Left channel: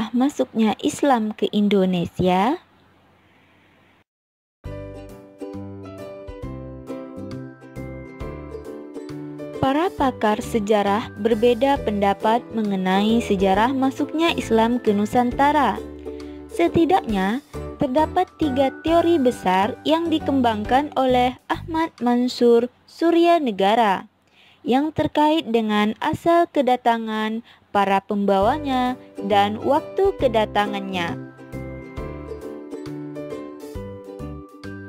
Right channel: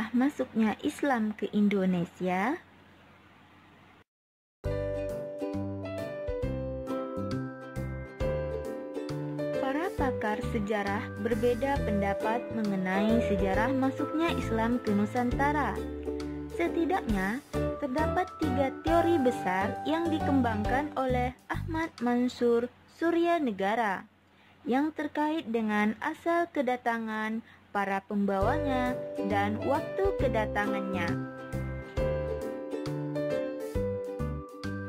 sejarah masuknya Islam ke Indonesia? Para pakar sejarah berbeda pendapat mengenai sejarah masuknya Islam ke Nusantara. Setidaknya, terdapat 3 teori besar yang dikembangkan oleh Ahmad Mansur Suryanegara yang terkait dengan asal kedatangan, para pembawanya, dan waktu kedatangannya.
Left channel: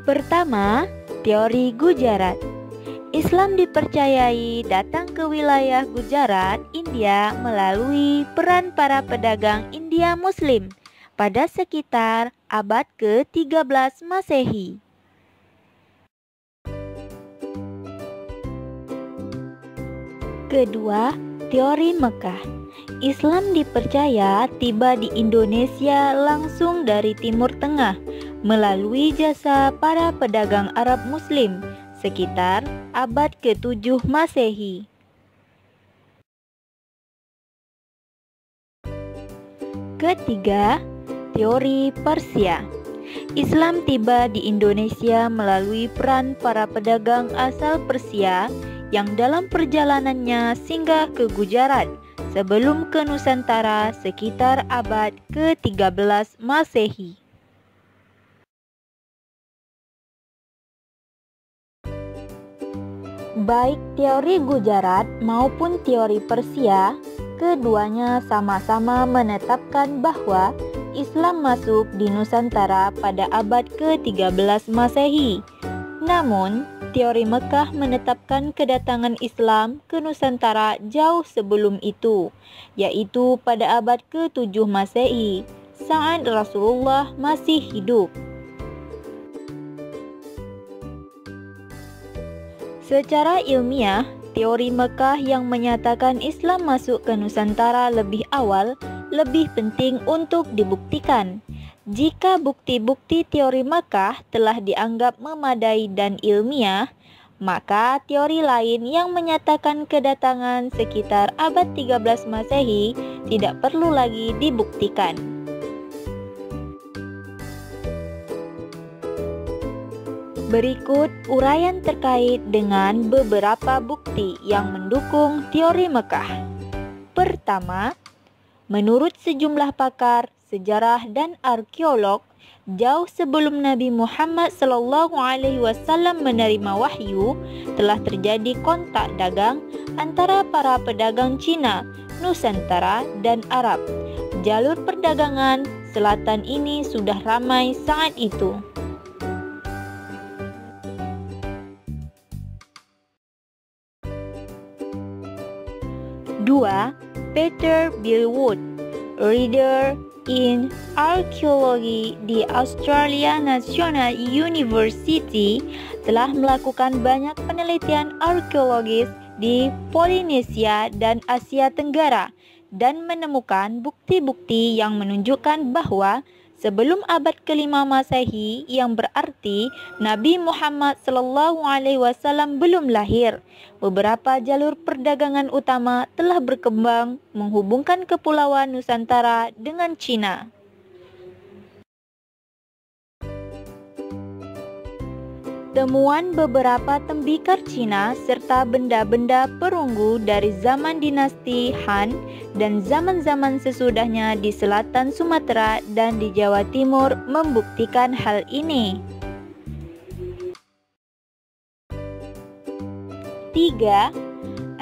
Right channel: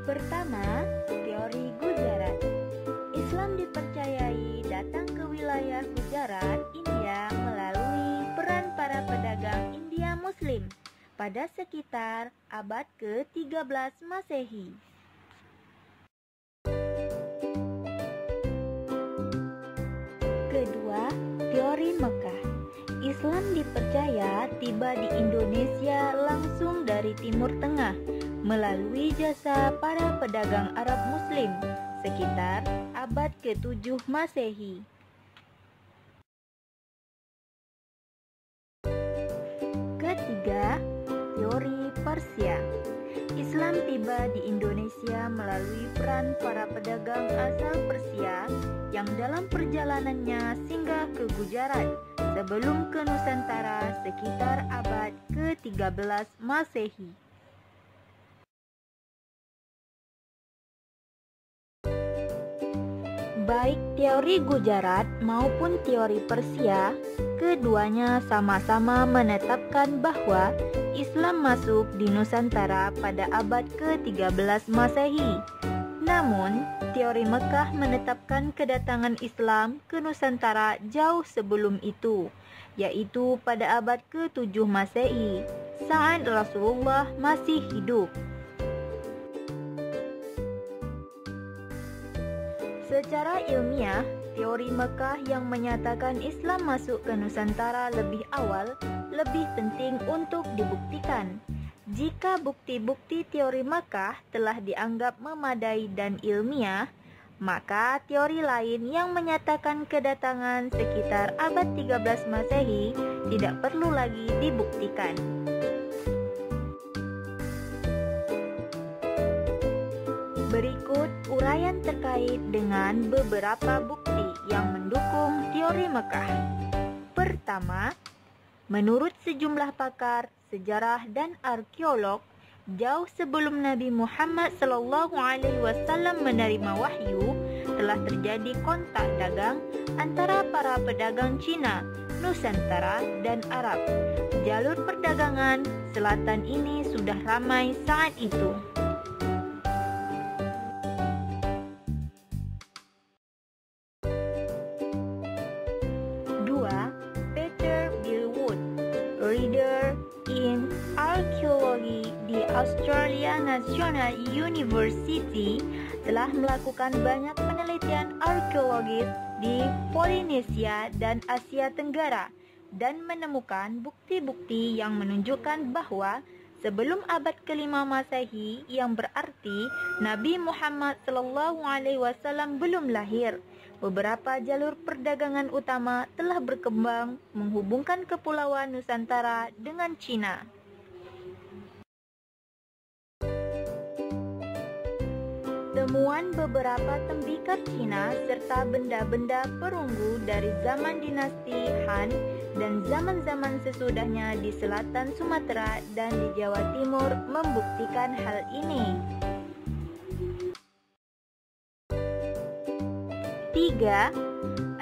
Pertama, teori Gujarat. Islam dipercayai datang ke wilayah Gujarat, India melalui peran para pedagang India Muslim pada sekitar abad ke-13 Masehi. Kedua, teori Mekah. Islam dipercaya tiba di Indonesia langsung dari Timur Tengah melalui jasa para pedagang Arab Muslim sekitar abad ke-7 Masehi. Ketiga, teori Persia. Islam tiba di Indonesia melalui peran para pedagang asal Persia yang dalam perjalanannya singgah ke Gujarat sebelum ke Nusantara sekitar abad ke-13 Masehi. Baik teori Gujarat maupun teori Persia, keduanya sama-sama menetapkan bahwa Islam masuk di Nusantara pada abad ke-13 Masehi. Namun, teori Mekah menetapkan kedatangan Islam ke Nusantara jauh sebelum itu, yaitu pada abad ke-7 Masehi, saat Rasulullah masih hidup. Secara ilmiah, teori Mekah yang menyatakan Islam masuk ke Nusantara lebih awal lebih penting untuk dibuktikan. Jika bukti-bukti teori Mekah telah dianggap memadai dan ilmiah, maka teori lain yang menyatakan kedatangan sekitar abad 13 Masehi tidak perlu lagi dibuktikan. Berikut uraian terkait dengan beberapa bukti yang mendukung teori Mekah. Pertama, menurut sejumlah pakar sejarah dan arkeolog, jauh sebelum Nabi Muhammad SAW menerima wahyu, telah terjadi kontak dagang antara para pedagang Cina, Nusantara, dan Arab. Jalur perdagangan selatan ini sudah ramai saat itu. Dua, Peter Billwood, Reader in Archaeology di Australia National University, telah melakukan banyak penelitian arkeologis di Polinesia dan Asia Tenggara dan menemukan bukti-bukti yang menunjukkan bahwa sebelum abad ke-5 Masehi, yang berarti Nabi Muhammad SAW belum lahir, beberapa jalur perdagangan utama telah berkembang menghubungkan kepulauan Nusantara dengan Cina. Temuan beberapa tembikar Cina serta benda-benda perunggu dari zaman dinasti Han dan zaman-zaman sesudahnya di selatan Sumatera dan di Jawa Timur membuktikan hal ini. 3.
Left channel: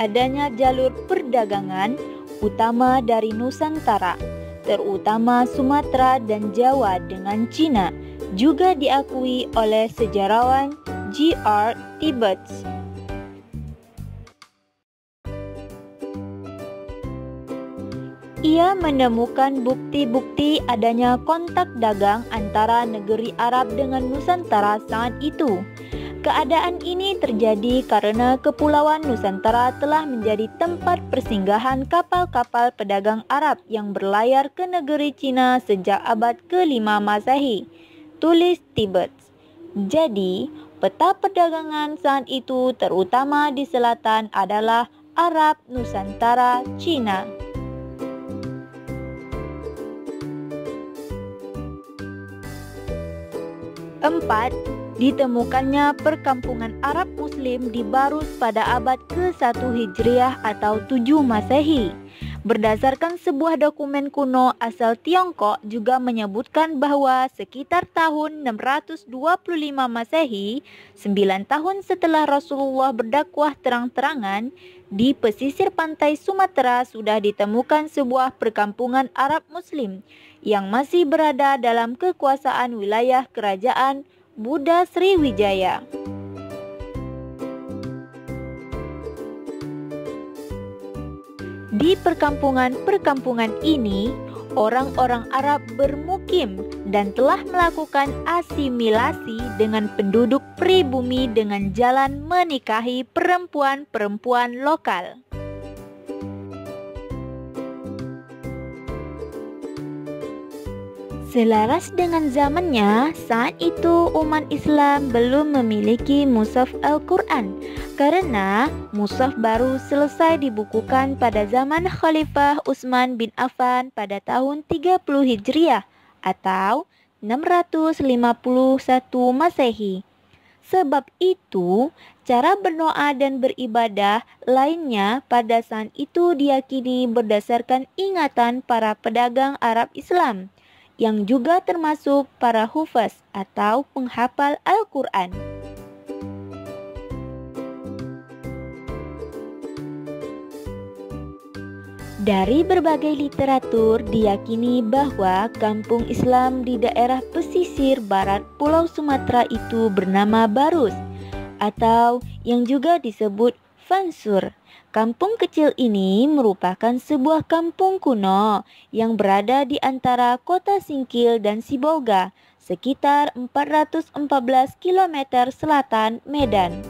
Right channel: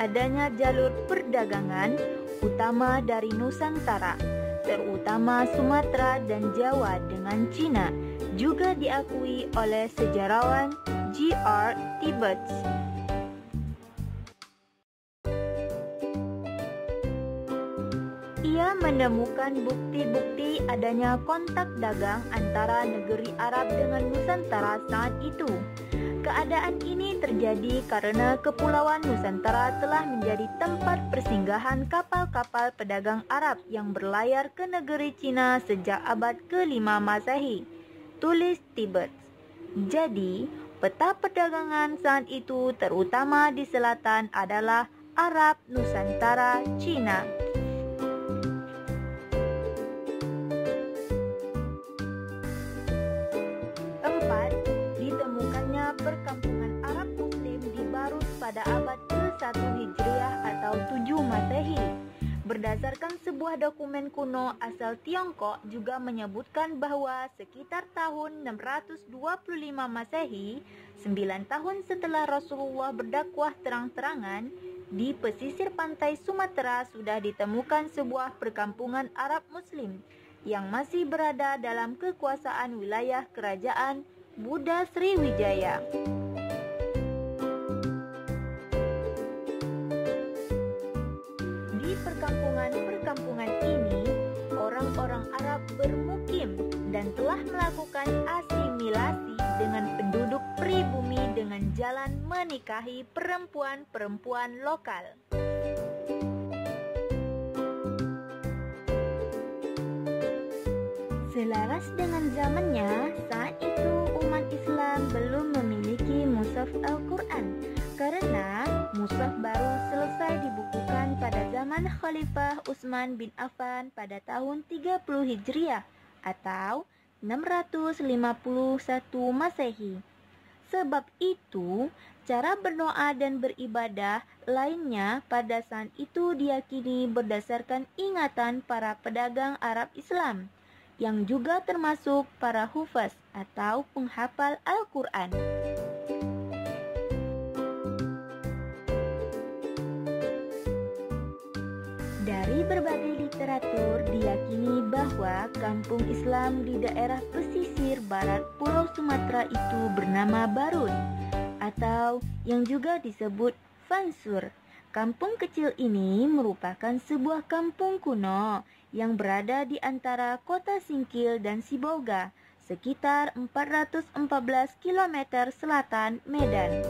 Adanya jalur perdagangan utama dari Nusantara, terutama Sumatera dan Jawa dengan Cina, juga diakui oleh sejarawan G.R. Tibbets. Ia menemukan bukti-bukti adanya kontak dagang antara negeri Arab dengan Nusantara saat itu. Keadaan ini terjadi karena kepulauan Nusantara telah menjadi tempat persinggahan kapal-kapal pedagang Arab yang berlayar ke negeri Cina sejak abad ke-5 Masehi, tulis Tibbets. Jadi, peta perdagangan saat itu terutama di selatan adalah Arab, Nusantara, Cina. Keempat, ditemukannya perkampungan Arab Muslim di Barus pada abad ke-1 Hijriah atau 7 Masehi. Berdasarkan sebuah dokumen kuno asal Tiongkok juga menyebutkan bahwa sekitar tahun 625 Masehi, 9 tahun setelah Rasulullah berdakwah terang-terangan, di pesisir pantai Sumatera sudah ditemukan sebuah perkampungan Arab Muslim yang masih berada dalam kekuasaan wilayah kerajaan Buddha Sriwijaya. Di perkampungan-perkampungan ini, orang-orang Arab bermukim dan telah melakukan asimilasi dengan penduduk pribumi dengan jalan menikahi perempuan-perempuan lokal. Selaras dengan zamannya, saat itu umat Islam belum memiliki mushaf Al-Quran karena mushaf baru selesai dibukukan pada zaman Khalifah Utsman bin Affan pada tahun 30 Hijriah atau 651 Masehi. Sebab itu, cara berdoa dan beribadah lainnya pada saat itu diyakini berdasarkan ingatan para pedagang Arab Islam, yang juga termasuk para hufaz atau penghafal Al-Quran. Dari berbagai literatur diyakini bahwa kampung Islam di daerah pesisir barat Pulau Sumatera itu bernama Barus atau yang juga disebut Fansur. Kampung kecil ini merupakan sebuah kampung kuno yang berada di antara kota Singkil dan Sibolga, sekitar 414 km selatan Medan.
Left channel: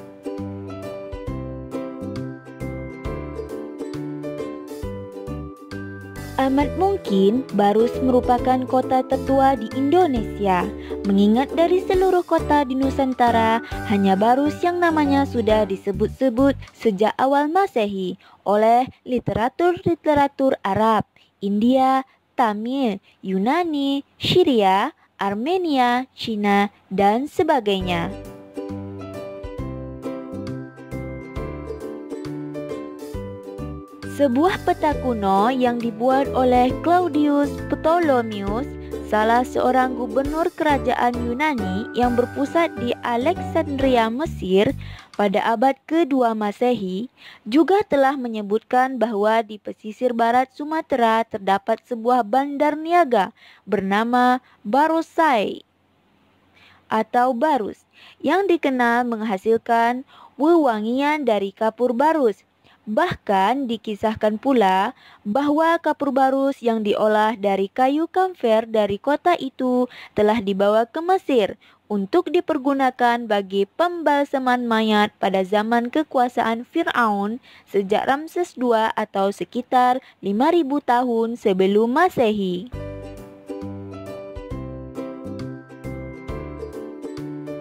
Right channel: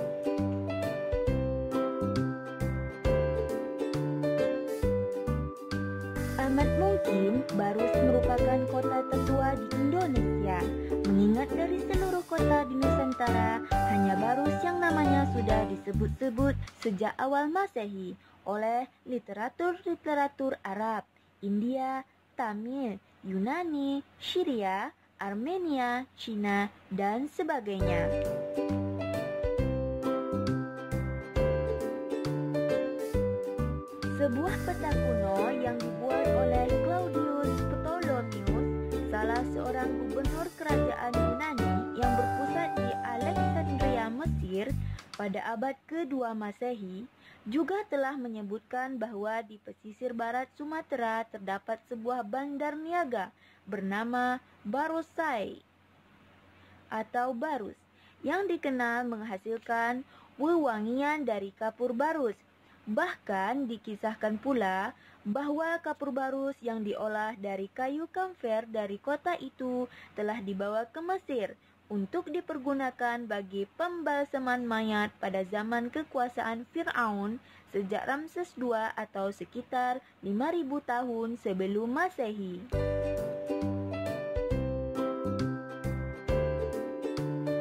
Amat mungkin Barus merupakan kota tertua di Indonesia, mengingat dari seluruh kota di Nusantara, hanya Barus yang namanya sudah disebut-sebut sejak awal Masehi oleh literatur-literatur Arab, India, Tamil, Yunani, Syria, Armenia, Cina, dan sebagainya. Sebuah peta kuno yang dibuat oleh Claudius Ptolemaeus, salah seorang gubernur kerajaan Yunani yang berpusat di Alexandria, Mesir pada abad ke-2 Masehi, juga telah menyebutkan bahwa di pesisir barat Sumatera terdapat sebuah bandar niaga bernama Barosai atau Barus yang dikenal menghasilkan wewangian dari kapur barus. Bahkan dikisahkan pula bahwa kapur barus yang diolah dari kayu kamfer dari kota itu telah dibawa ke Mesir untuk dipergunakan bagi pembalsaman mayat pada zaman kekuasaan Fir'aun sejak Ramses II atau sekitar 5.000 tahun sebelum Masehi.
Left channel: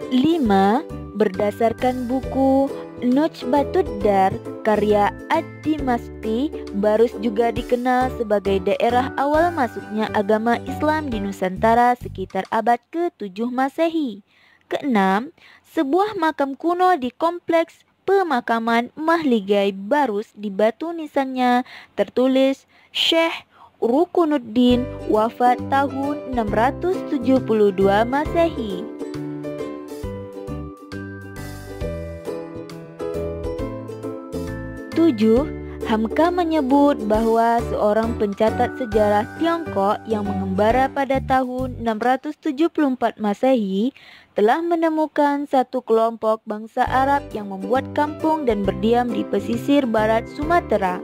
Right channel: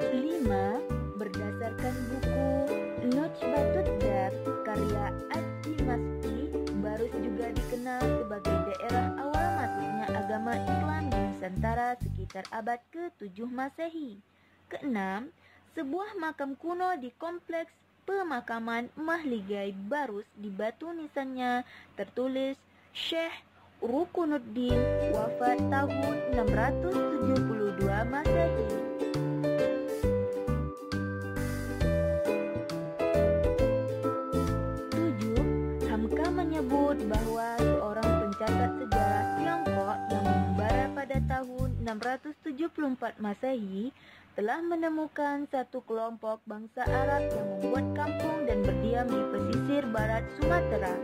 5. Berdasarkan buku Nukhbatud-Dar karya Ad-Dimashqi, Barus juga dikenal sebagai daerah awal masuknya agama Islam di Nusantara sekitar abad ke-7 Masehi. 6. Sebuah makam kuno di kompleks pemakaman Mahligai Barus di batu nisannya tertulis Syekh Rukunuddin wafat tahun 672 Masehi. 7. Hamka menyebut bahwa seorang pencatat sejarah Tiongkok yang mengembara pada tahun 674 Masehi telah menemukan satu kelompok bangsa Arab yang membuat kampung dan berdiam di pesisir barat Sumatera.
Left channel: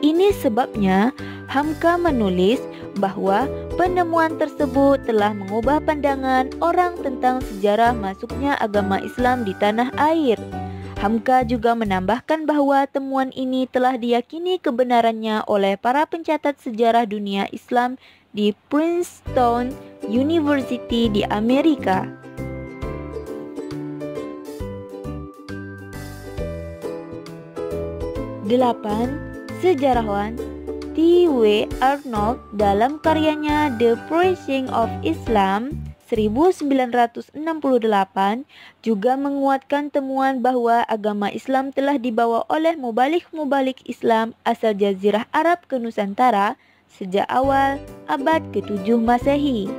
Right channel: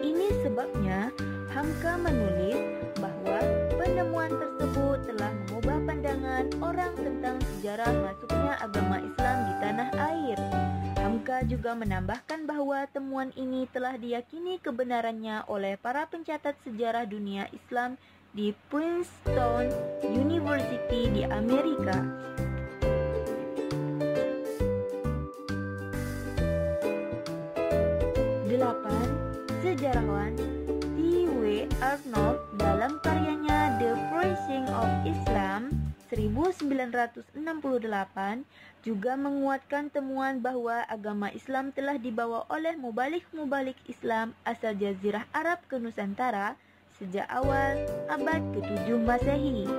Ini sebabnya Hamka menulis bahwa penemuan tersebut telah mengubah pandangan orang tentang sejarah masuknya agama Islam di tanah air. Hamka juga menambahkan bahwa temuan ini telah diyakini kebenarannya oleh para pencatat sejarah dunia Islam di Princeton University di Amerika. 8. Sejarawan T.W. Arnold dalam karyanya The Preaching of Islam 1968 juga menguatkan temuan bahwa agama Islam telah dibawa oleh mubalik-mubalik Islam asal Jazirah Arab ke Nusantara sejak awal abad ke-7 Masehi.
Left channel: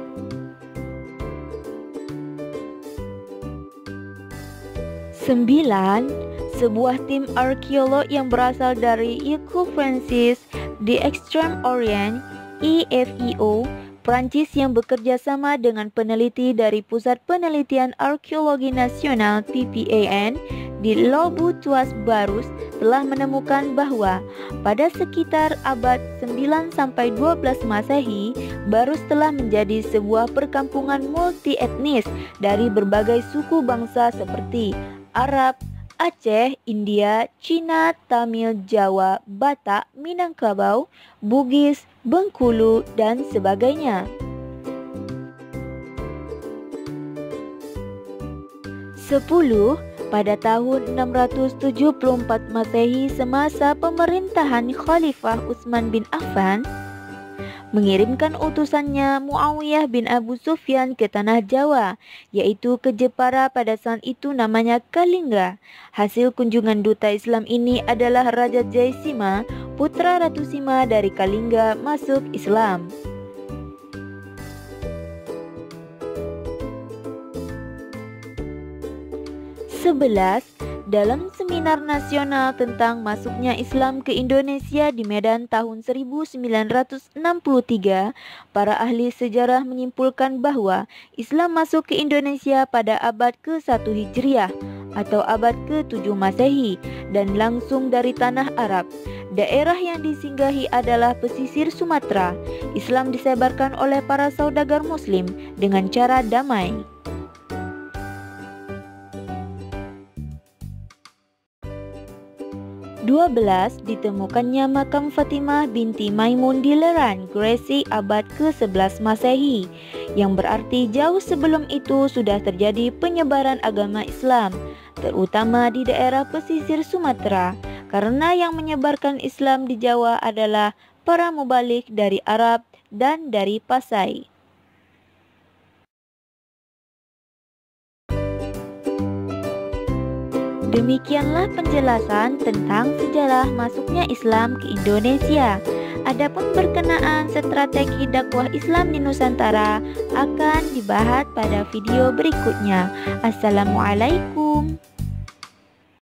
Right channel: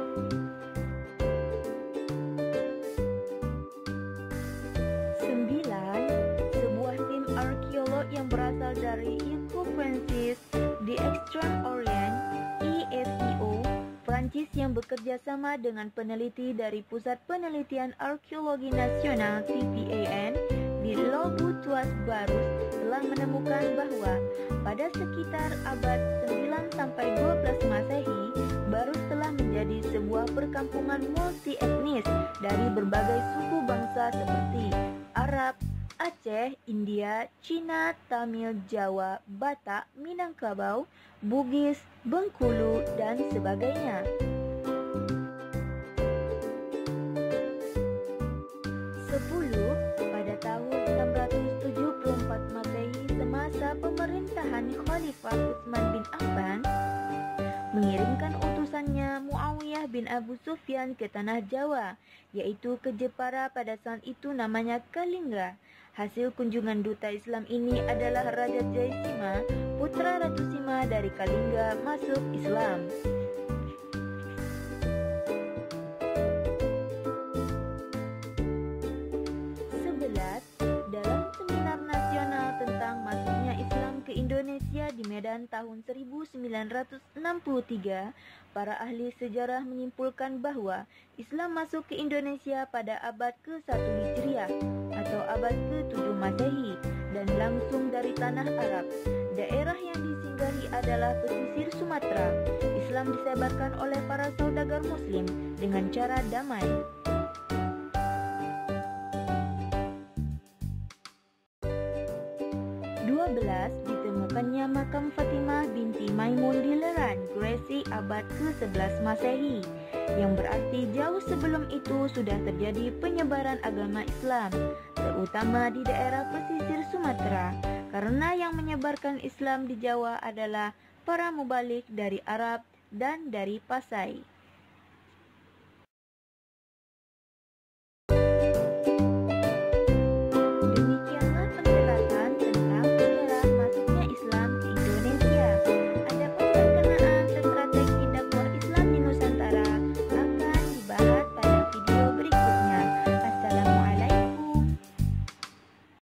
9. Sebuah tim arkeolog yang berasal dari Ecole Francaise d'Extrême Orient (EFEO) Prancis yang bekerja sama dengan peneliti dari Pusat Penelitian Arkeologi Nasional (PPAN) di Le Bourgeois-Barous telah menemukan bahwa pada sekitar abad 9-12 Masehi, Barous telah menjadi sebuah perkampungan multi-etnis dari berbagai suku bangsa seperti Arab, Aceh, India, Cina, Tamil, Jawa, Batak, Minangkabau, Bugis, Bengkulu, dan sebagainya. 10. Pada tahun 674 Masehi semasa pemerintahan Khalifah Utsman bin Affan, mengirimkan utusannya Muawiyah bin Abu Sufyan ke tanah Jawa, yaitu ke Jepara pada saat itu namanya Kalingga. Hasil kunjungan duta Islam ini adalah Raja Jaisima, putra Ratu Sima dari Kalingga, masuk Islam. 11. Dalam seminar nasional tentang masuknya Islam ke Indonesia di Medan tahun 1963, para ahli sejarah menyimpulkan bahwa Islam masuk ke Indonesia pada abad ke-1 Hijriah atau abad ke-7 Masehi dan langsung dari tanah Arab. Daerah yang disinggahi adalah pesisir Sumatera. Islam disebarkan oleh para saudagar Muslim dengan cara damai. 12. Ditemukannya makam Fatimah binti Maimun di Leran, Gresik abad ke-11 Masehi, yang berarti jauh sebelum itu sudah terjadi penyebaran agama Islam, terutama di daerah pesisir Sumatera, karena yang menyebarkan Islam di Jawa adalah para mubalik dari Arab dan dari Pasai. Demikianlah penjelasan tentang sejarah masuknya Islam ke Indonesia. Adapun berkenaan strategi dakwah Islam di Nusantara akan dibahas pada video berikutnya. Assalamualaikum.